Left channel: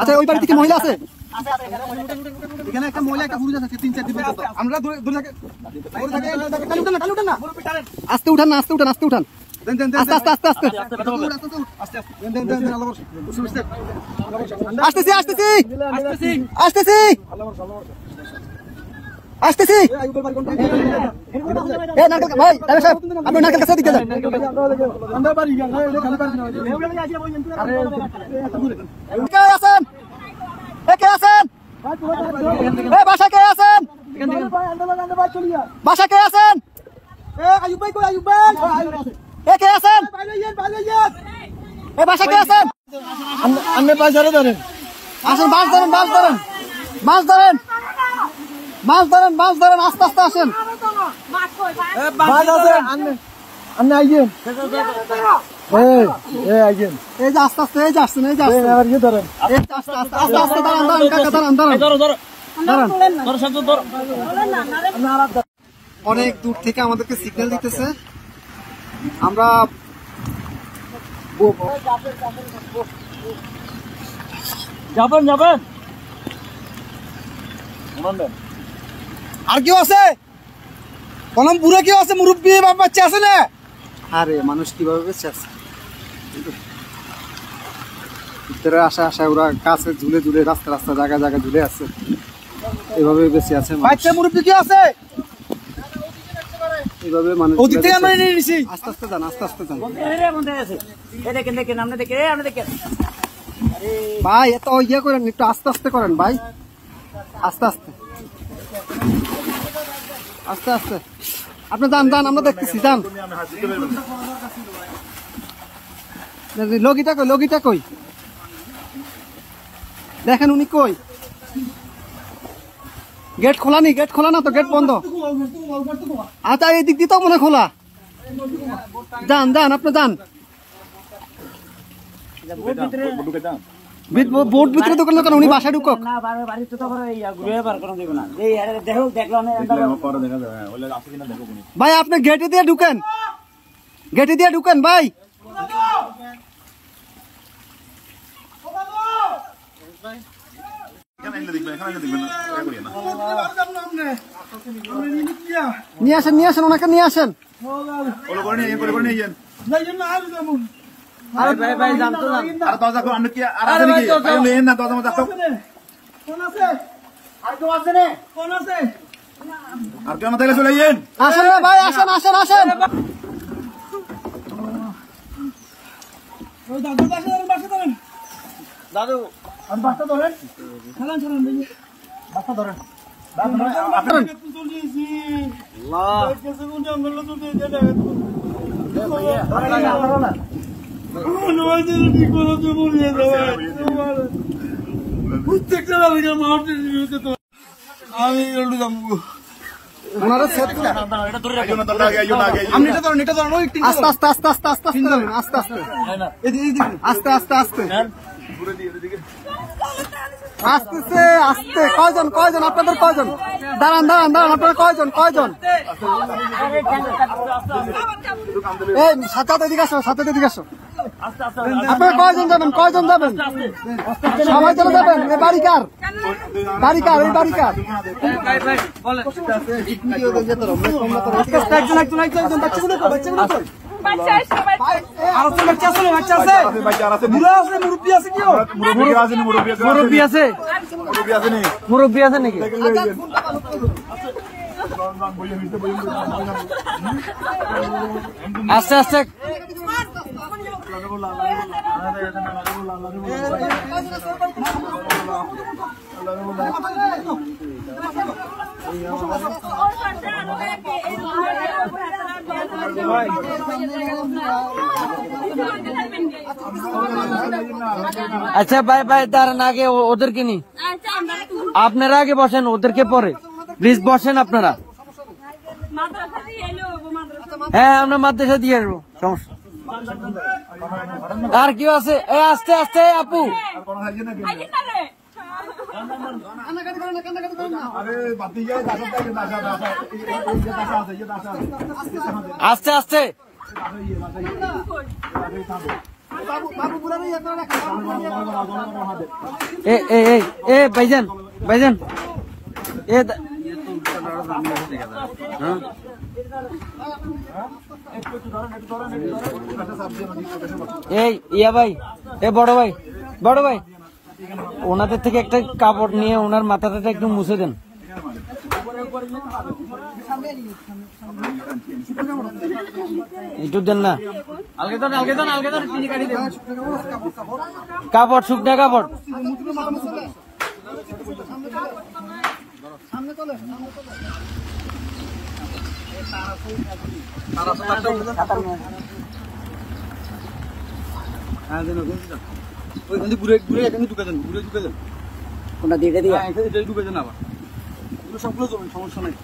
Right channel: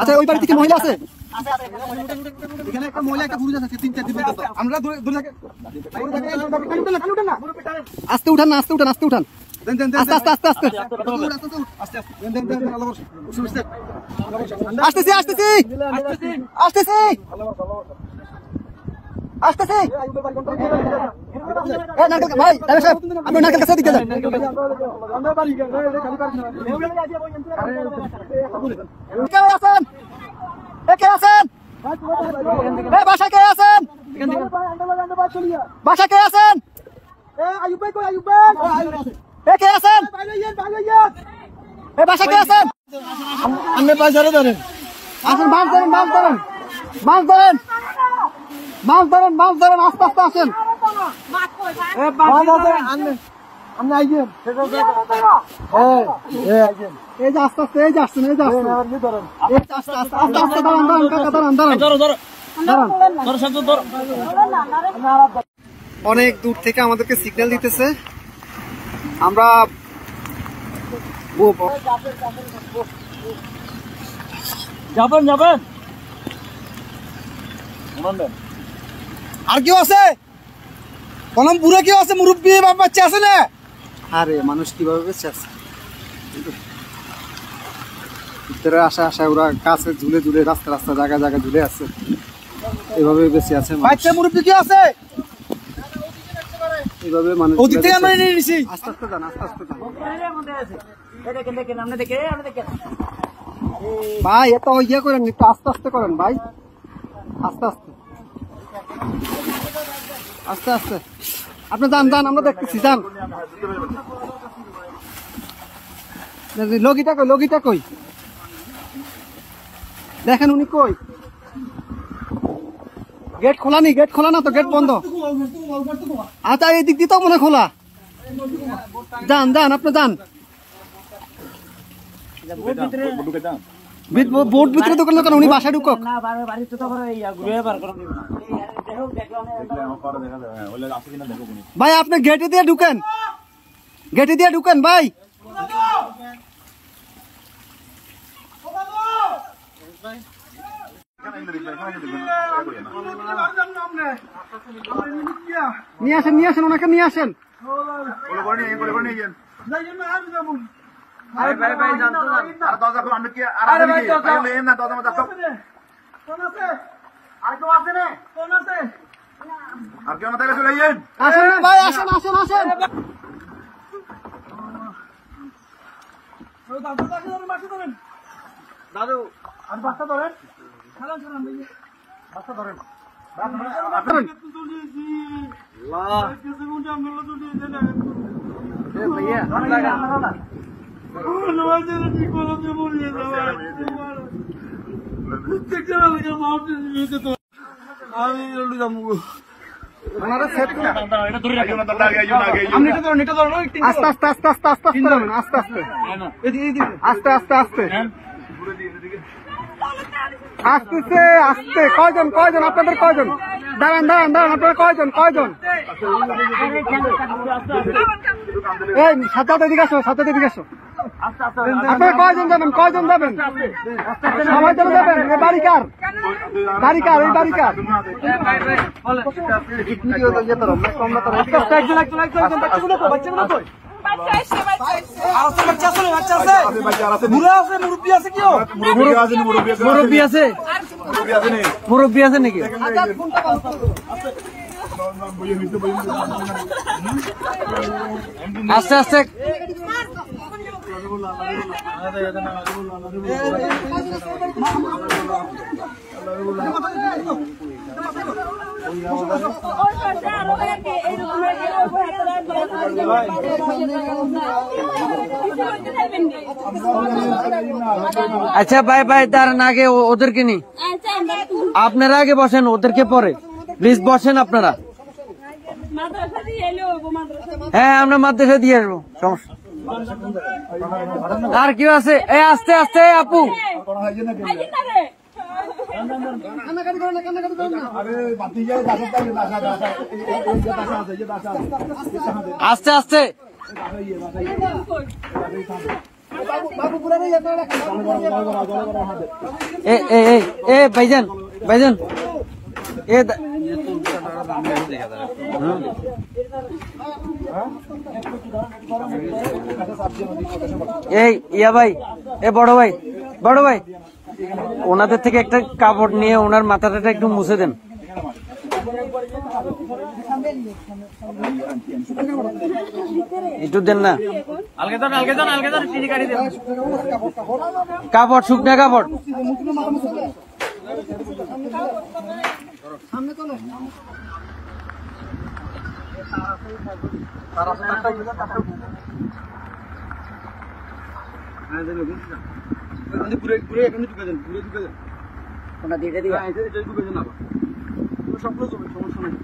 আচ্ছা ওই বাড়ি থেকে মহিলা আছে এখানে একটা মহিলা একটা পুরুষ আছে 3-4 দিন আমরা ধরে থাকি আস্তে উঠান না আস্তে উঠান আস্তে উঠান আস্তে আস্তে আস্তে আস্তে আসতেছি আসতেছি আসতেছি আসতেছি এ নারকেল ভাই আরে সাহেব আপনি নারকেল কাছে দিকে যান কে আছেন কে আছেন এ বাসা কে আছেন বাসা কে আছেন এ আইয়ুব ভাই কই আইয়ুব ভাই এ কে আছেন এ বাসা কে আছেন আপনি বাজারে ধরেন আসেন মাছ ধরেন মাছ ধরেন মাছ ধরেন মাছ ধরেন মাছ ধরেন আস্তে আস্তে আসেন আপনি আইয়েন এই যে আস্তে আস্তে এই যে আসছেন এই যে আসছেন এই আস্তে আস্তে আস্তে আস্তে দাঁড়ান দাঁড়ান কাকা দাঁড়ান দাঁড়ান অনেক দূর থেকে আমাদেরকে সিগন্যাল দিতেছে আমরা যাবেন যাবেন আর কেউ আছে কলম পুরো কেউ আছে মুরব্বী বাপ বাচ্চা আছে না আরে মানুষ কিভাবে বেঁচে আছে ভিতরে আসা আসা ওরা কাছে ঝুলে ঝুলে রাস্তা রাস্তা জায়গা জায়গা ঝুলে আছে এভাবে বেঁচে আছে বাচ্চা মুরব্বী কেউ আছে এভাবে মানুষ ওদিক থেকে আমরা নিয়ে নিছি আস্তে আস্তে যান আস্তে আস্তে যান দেখেন দেখেন আমরা দেখেন ভাই এত ইয়ে করেন একটু আস্তে আস্তে করেন ভাই আস্তে আস্তে আস্তে আস্তে আপনি যান যান আমরা দেখতেছি যান লগিটা কই দেখেন উনি কই গেট খোলা নি গেট খোলা না তো গেট বন্ধ আচ্ছা এই দিক দিয়ে তো মনে খোলা যান যান আপনি যান বোর্ড ভিতরে দোকান দোকান উনি বাসায় ঢুকক ভাই আপনি গেটে দিয়ে ঢুকেন ভাই নিয়ে আসেন ওনাকে নিয়ে আসেন আরে ভাই ভাই জানতো না আর দরজা কোন আমি কি আর আছে নাকি ভাই লেন না দরজা মধ্যে কোন আছে আর কেউ আছে না কোন আছে আর কেউ না তাহলে চলে যান আসেন না ভাই আসেন ওই দাদু বাসা ধরেন দাদু আর বাসা ধরেন ছাড়ান ভাই বাসা ধরেন আপনারা চলেছি আল্লাহ কেসে কোন জঙ্গল চলে যায় এ ভাইয়া না আস্তে কয়জন আপনাদের কয়জন দাঁড়ান আপনারা কয়জন এই সাথে এদিকে আসো আপনারা কয়জন যাবেন সবাই চলে যাবেন এই বাড়িকার এই বাড়িকার মুরব্বী আছে নাকি আস্তে আস্তে আচ্ছা ভাই দাঁড়ান আগে ওদেরকে নি আপনারা আগে বসেন ওদেরকে পরে প্লিজ বসেন আপনারা হ্যাঁ আমরা মাদ্রাসা দিয়ে আসবো সমস্যা আর কি আছে এই আস্তে আস্তে আপু আস্তে আস্তে ए भाईजान भाईजान ए ইয়া ভাই এ বড় ভাই ওনাদের থেকে একটা কাপড় নিয়ে ওনার মাথাটা একটু মুছে দেন একটু দেন না আলগে চিনি কাটি দেন কাপড় শুকনা কাপড় কোনটা দিয়ে দিয়ে সবগুলো সমস্যা নেই